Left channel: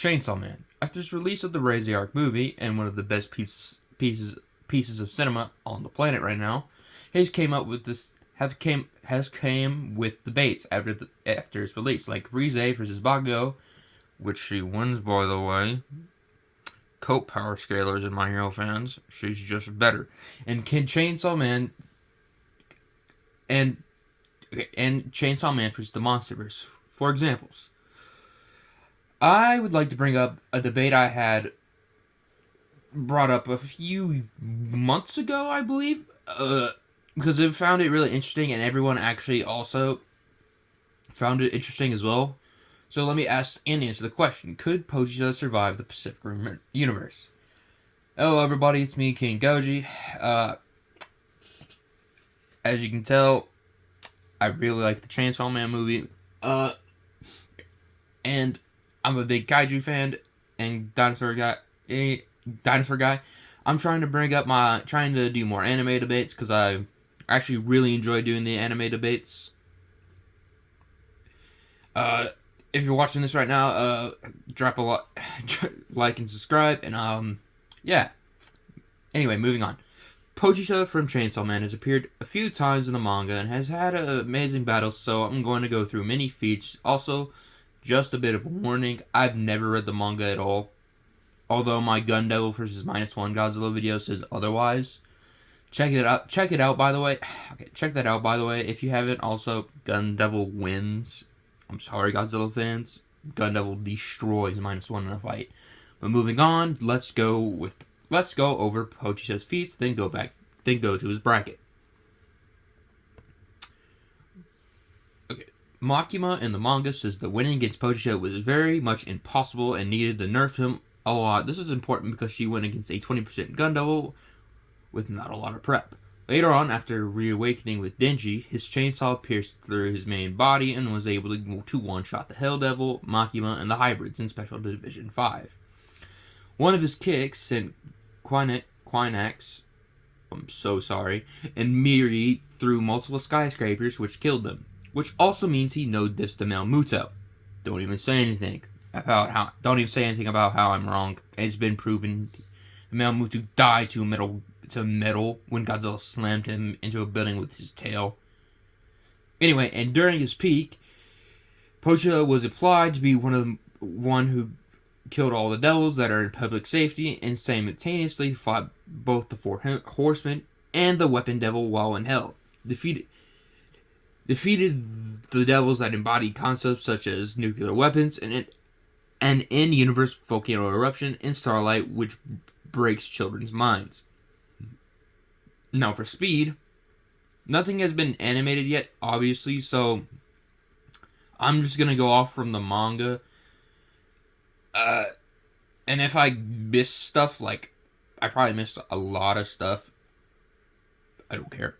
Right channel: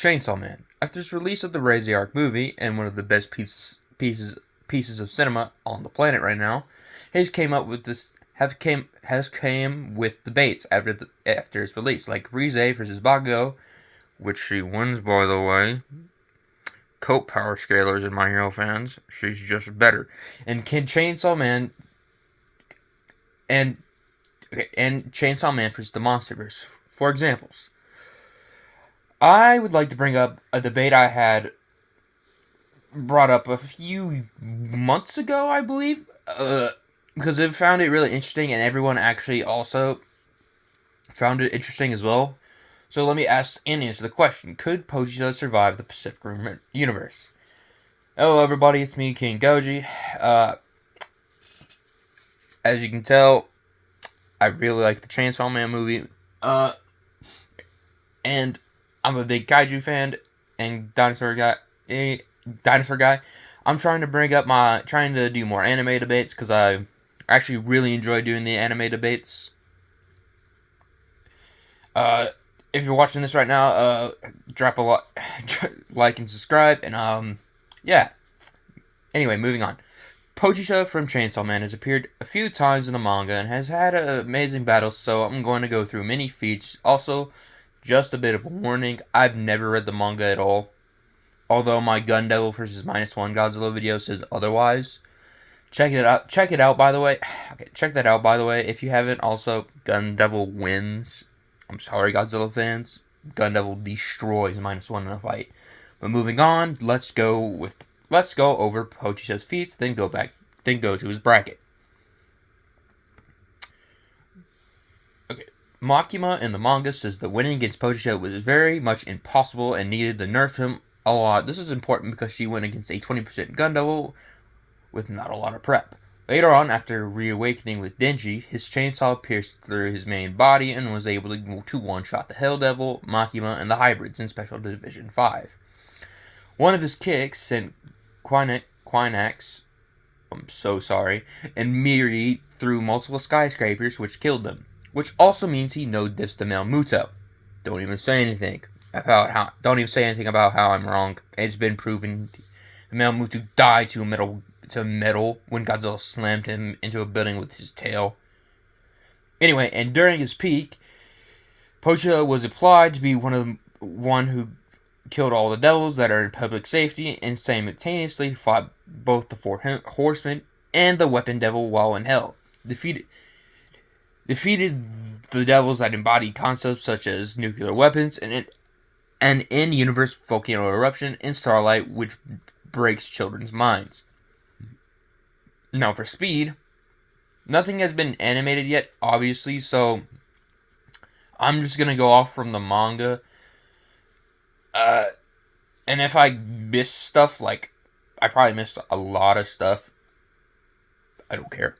Chainsaw Man. After its release of the Raziark movie and one of the best pieces of cinema on the planet right now, has came with debates after its release, like Rize versus Bago, which she wins, by the way. Coat power scalers and My Hero fans, she's just better. And can Chainsaw Man and Chainsaw Man versus the MonsterVerse, for examples. I would like to bring up a debate I had brought up a few months ago, I believe, because I found it really interesting, and everyone actually also found it interesting as well. So let me ask and answer the question: could Pochita survive the Pacific Rim universe? Hello, everybody. It's me, King Goji. As you can tell, I really like the Chainsaw Man movie. And I'm a big kaiju fan and dinosaur guy. I'm trying to do more anime debates because I actually really enjoy doing the anime debates. If you're watching this right now, drop a like and subscribe, and yeah. Anyway, moving on. Pochita from Chainsaw Man has appeared a few times in the manga and has had amazing battles, so I'm going to go through many feats. Also, just a bit of a warning, I've never read the manga at all, although my Gun Devil vs. -1 Godzilla video says otherwise. Check it out, by the way. Okay, check that out, by the way. If you haven't, also, Gun Devil wins. I'm sorry, Godzilla fans. Gun Devil destroys -1 in a fight. But moving on, let's go over Pochita's feats, then go to his bracket. Okay, Makima in the manga says that winning against Pochita was very much impossible and needed to nerf him a lot. This is important because she went against a 20% Gun Devil with not a lot of prep. Later on, after reawakening with Denji, his chainsaw pierced through his main body and was able to one-shot the Hell Devil, Makima, and the hybrids in Special Division 5. One of his kicks sent Quinax, I'm so sorry, and Miri through multiple skyscrapers, which killed them. Which also means he no-diffs the Melmuto. Don't even say anything about how I'm wrong. It's been proven Melmuto died to metal when Godzilla slammed him into a building with his tail. Anyway, and during his peak, Pochita was applied to be one who killed all the devils that are in public safety and simultaneously fought both the four horsemen and the weapon devil while in hell. Defeated the devils that embody concepts such as nuclear weapons and in-universe volcano eruption and starlight, which breaks children's minds. Now for speed, nothing has been animated yet, obviously, so I'm just gonna go off from the manga. And if I miss stuff, like, I probably missed a lot of stuff, I don't care.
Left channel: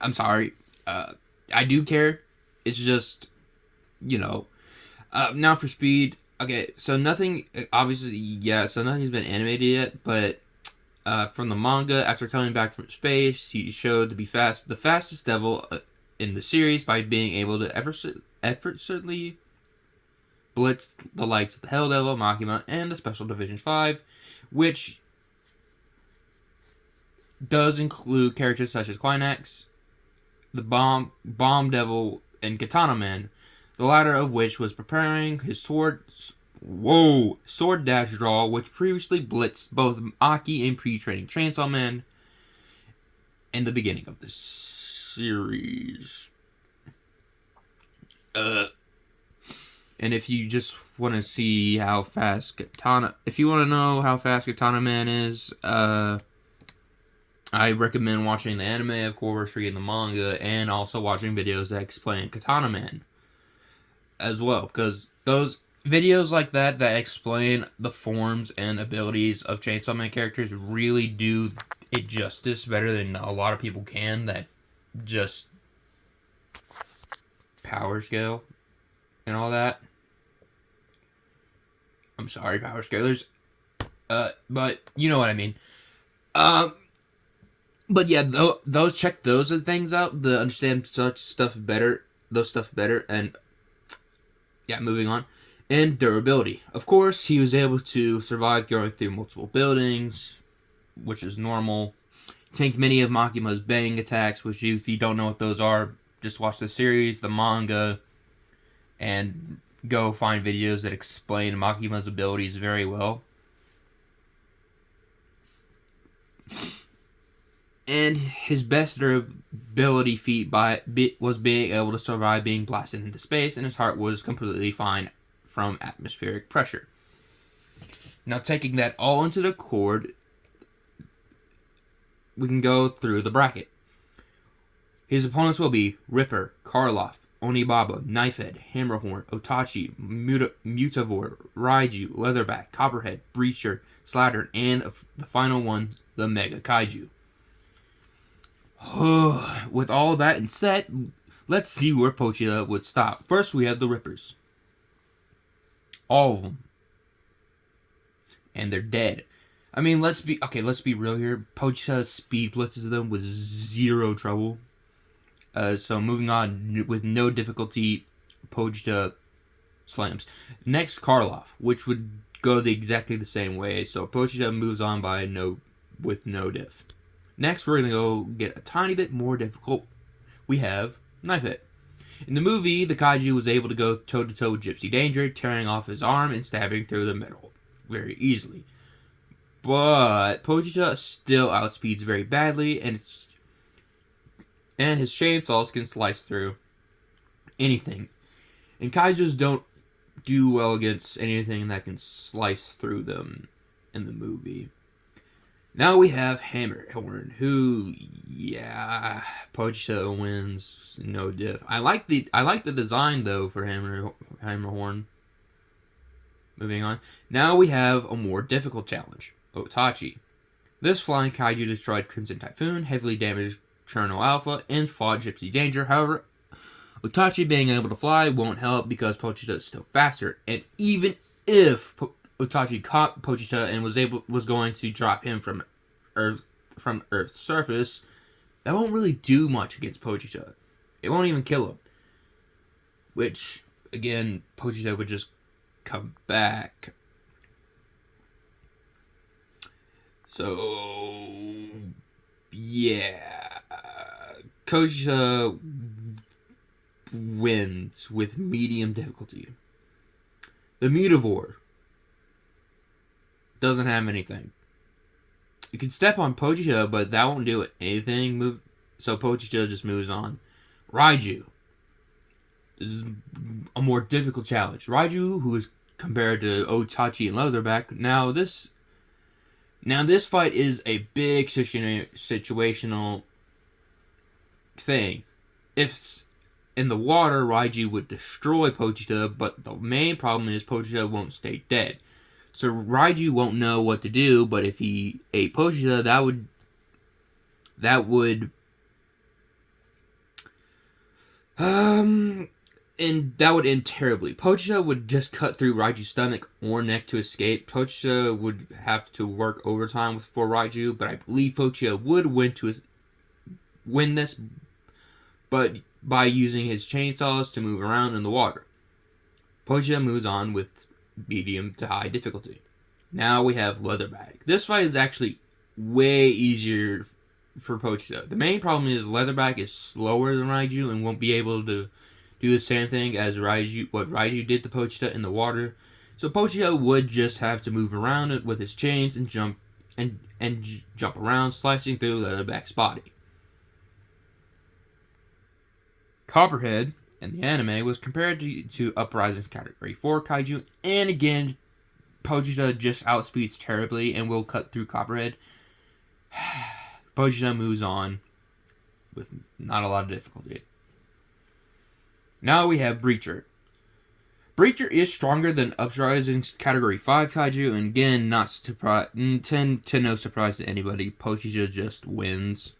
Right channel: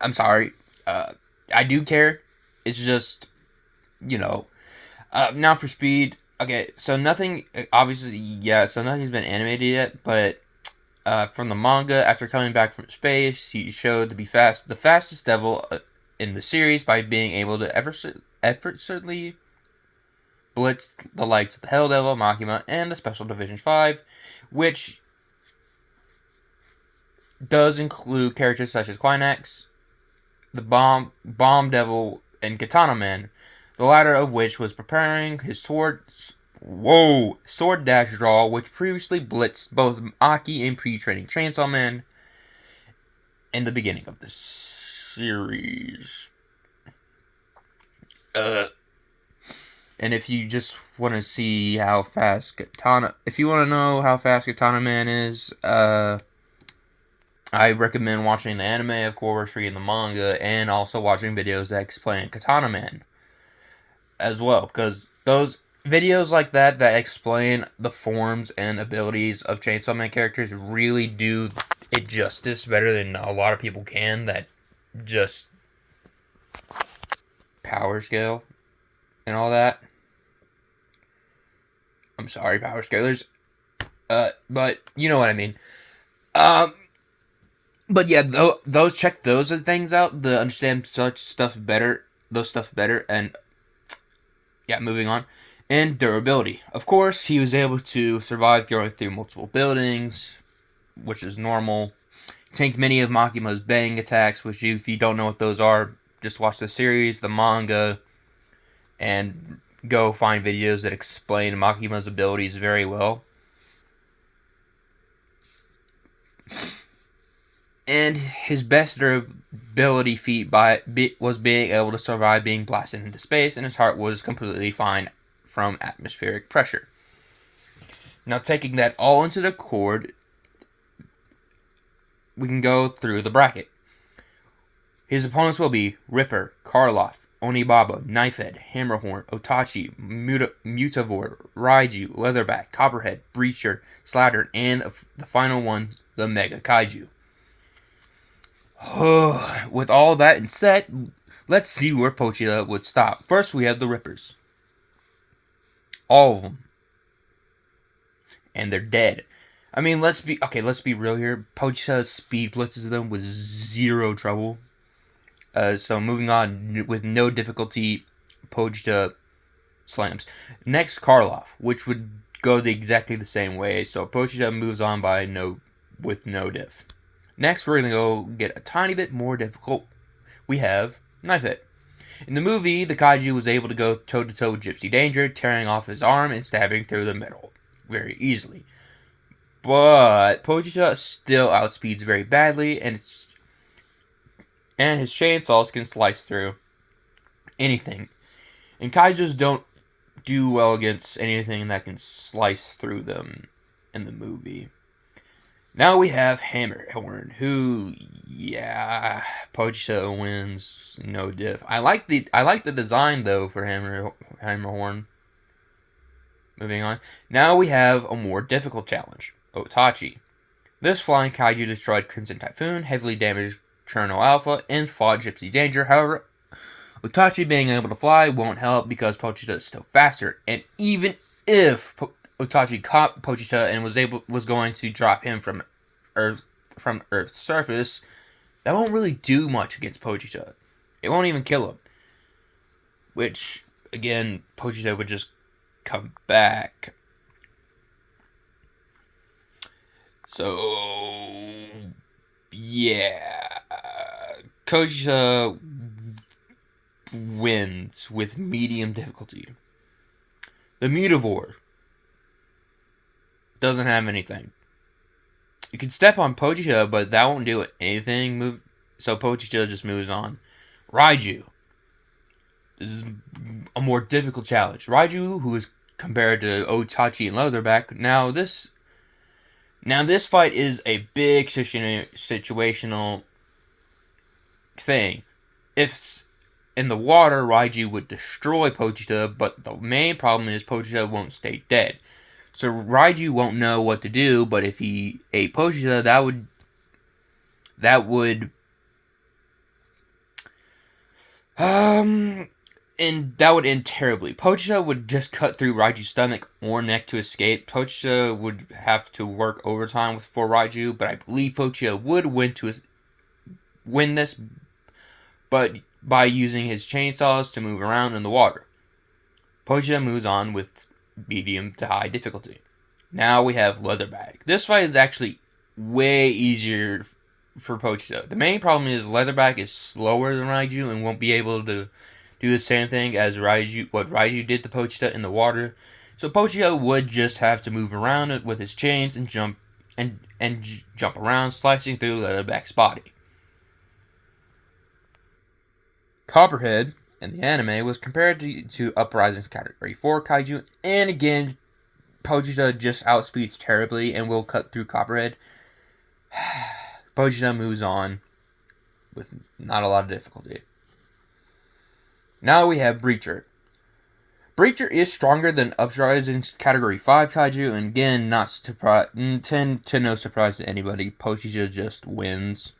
I'm sorry. I do care. It's just, now for speed. Okay, so nothing's been animated yet, but from the manga, after coming back from space, he showed to be the fastest devil in the series by being able to effortlessly blitz the likes of the Hell Devil, Makima, and the Special Division 5, which does include characters such as Quinax, the Bomb Devil, and Katana Man, the latter of which was preparing his sword dash draw, which previously blitzed both Aki and pre-training Chainsaw Man in the beginning of the series. And if you just want to see how fast if you want to know how fast Katana Man is, I recommend watching the anime, of course, reading the manga, and also watching videos that explain Katana Man as well, because those videos like that explain the forms and abilities of Chainsaw Man characters really do it justice better than a lot of people can that just power scale and all that. I'm sorry, power scalers. But you know what I mean. But yeah, check those things out to understand those stuff better, and yeah, moving on. And durability. Of course, he was able to survive going through multiple buildings, which is normal. Tanked many of Makima's bang attacks, which if you don't know what those are, just watch the series, the manga, and go find videos that explain Makima's abilities very well. And his best durability feat was being able to survive being blasted into space, and his heart was completely fine from atmospheric pressure. Now, taking that all into the cord, we can go through the bracket. His opponents will be Ripper, Karloff, Onibaba, Knifehead, Hammerhorn, Otachi, Mutavor, Raiju, Leatherback, Copperhead, Breacher, Slattern, and the final one, the Mega Kaiju. With all that in set, let's see where Pochita would stop. First, we have the Rippers. All of them. And they're dead. I mean, let's be real here. Pochita speed blitzes them with zero trouble. So moving on with no difficulty, Pochita slams. Next, Karloff, which would go exactly the same way. So Pochita moves on with no diff. Next, we're going to go get a tiny bit more difficult. We have Knifehead. In the movie, the kaiju was able to go toe-to-toe with Gypsy Danger, tearing off his arm and stabbing through the middle very easily. But Pochita still outspeeds very badly, and his chainsaws can slice through anything. And kaijus don't do well against anything that can slice through them in the movie. Now we have Hammerhorn, who, Pochita wins, no diff. I like the design though for Hammerhorn. Moving on. Now we have a more difficult challenge, Otachi. This flying kaiju destroyed Crimson Typhoon, heavily damaged Cherno Alpha, and fought Gypsy Danger. However, Otachi being able to fly won't help because Pochita is still faster, and even if Otachi caught Pochita and was going to drop him from Earth's surface, that won't really do much against Pochita. It won't even kill him. Which, again, Pochita would just come back. So, yeah. Pochita wins with medium difficulty. The Mutavor doesn't have anything. You can step on Pochita, but that won't do anything. So Pochita just moves on. Raiju. This is a more difficult challenge. Raiju, who is compared to Otachi and Leatherback. Now this fight is a big situational thing. If in the water, Raiju would destroy Pochita, but the main problem is Pochita won't stay dead. So Raiju won't know what to do, but if he ate Pochita, that would end terribly. Pochita would just cut through Raiju's stomach or neck to escape. Pochita would have to work overtime for Raiju, but I believe Pochita would win this, but by using his chainsaws to move around in the water. Pochita moves on with medium to high difficulty. Now we have Leatherback. This fight is actually way easier for Pochita. The main problem is Leatherback is slower than Raiju and won't be able to do the same thing as what Raiju did to Pochita in the water. So Pochita would just have to move around it with his chains and jump around, slicing through Leatherback's body. Copperhead in the anime was compared to Uprising's Category 4 kaiju, and again, Pochita just outspeeds terribly and will cut through Copperhead. Pochita moves on with not a lot of difficulty. Now we have Breacher. Breacher is stronger than Uprising's Category 5 kaiju, and again, no surprise to anybody, Pochita just wins.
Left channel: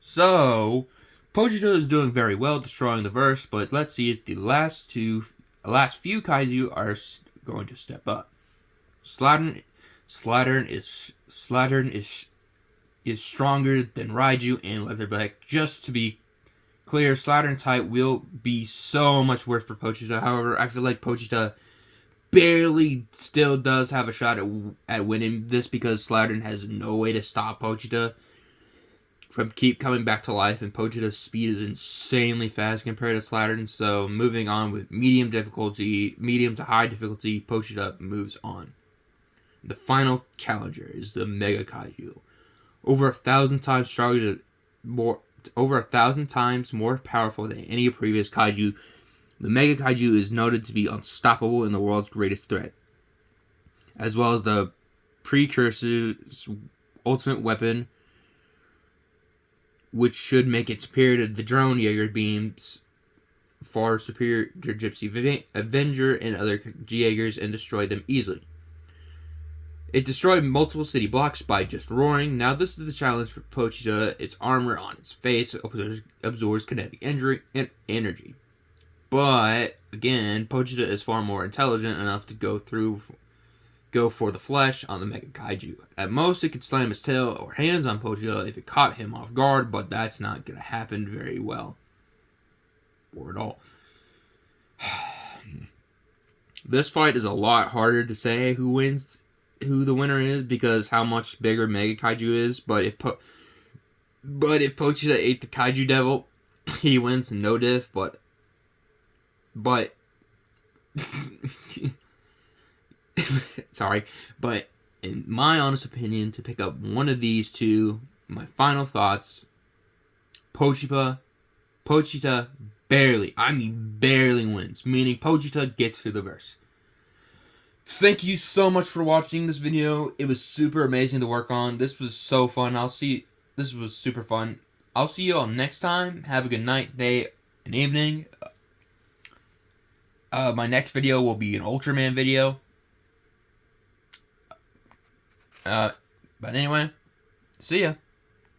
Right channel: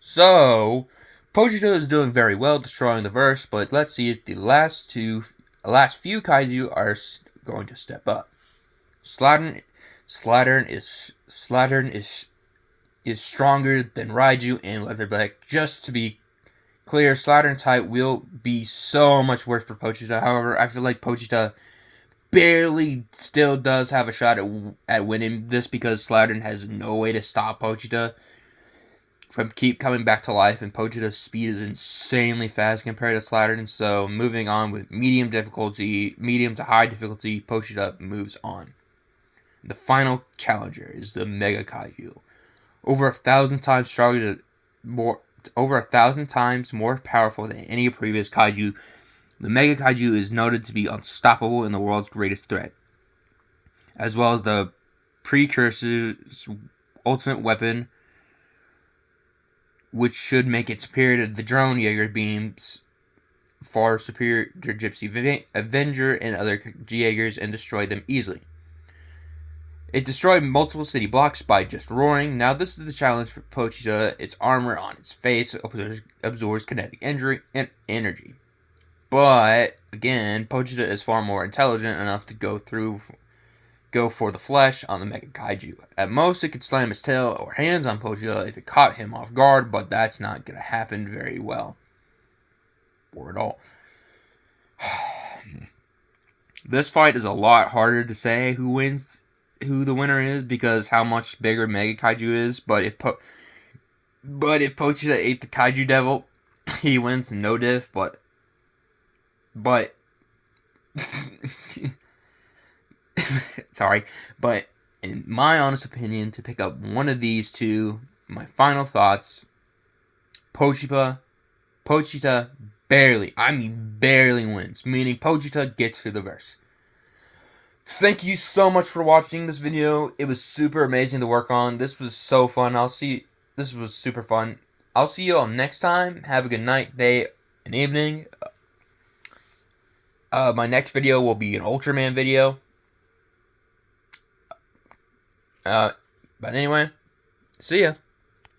So, Pochita is doing very well, destroying the verse, but let's see if the last few kaiju are going to step up. Slattern is stronger than Raiju and Leatherback, just to be clear, Slattern's height will be so much worse for Pochita. However, I feel like Pochita barely still does have a shot at winning this because Slattern has no way to stop Pochita from keep coming back to life, and Pochita's speed is insanely fast compared to Slattern. So moving on with medium to high difficulty, Pochita moves on. The final challenger is the Mega Kaiju. Over 1,000 times over 1,000 times more powerful than any previous kaiju, the Mega Kaiju is noted to be unstoppable and the world's greatest threat, as well as the precursor's ultimate weapon, which should make it superior to the drone Jaeger beams, far superior to Gypsy Avenger and other Jaegers, and destroy them easily. It destroyed multiple city blocks by just roaring. Now this is the challenge for Pochita. Its armor on its face absorbs kinetic energy. But, again, Pochita is far more intelligent enough to go for the flesh on the Mega Kaiju. At most, it could slam its tail or hands on Pochita if it caught him off guard, but that's not going to happen very well. Or at all. This fight is a lot harder to say who the winner is, because how much bigger Mega Kaiju is, but if Pochita ate the Kaiju Devil, he wins no diff, but sorry, but in my honest opinion, to pick up one of these two, my final thoughts, Pochita barely wins, meaning Pochita gets through the verse. Thank you so much for watching this video. It was super amazing to work on. This was so fun. This was super fun. I'll see you all next time. Have a good night, day, and evening. My next video will be an Ultraman video. But anyway, see ya.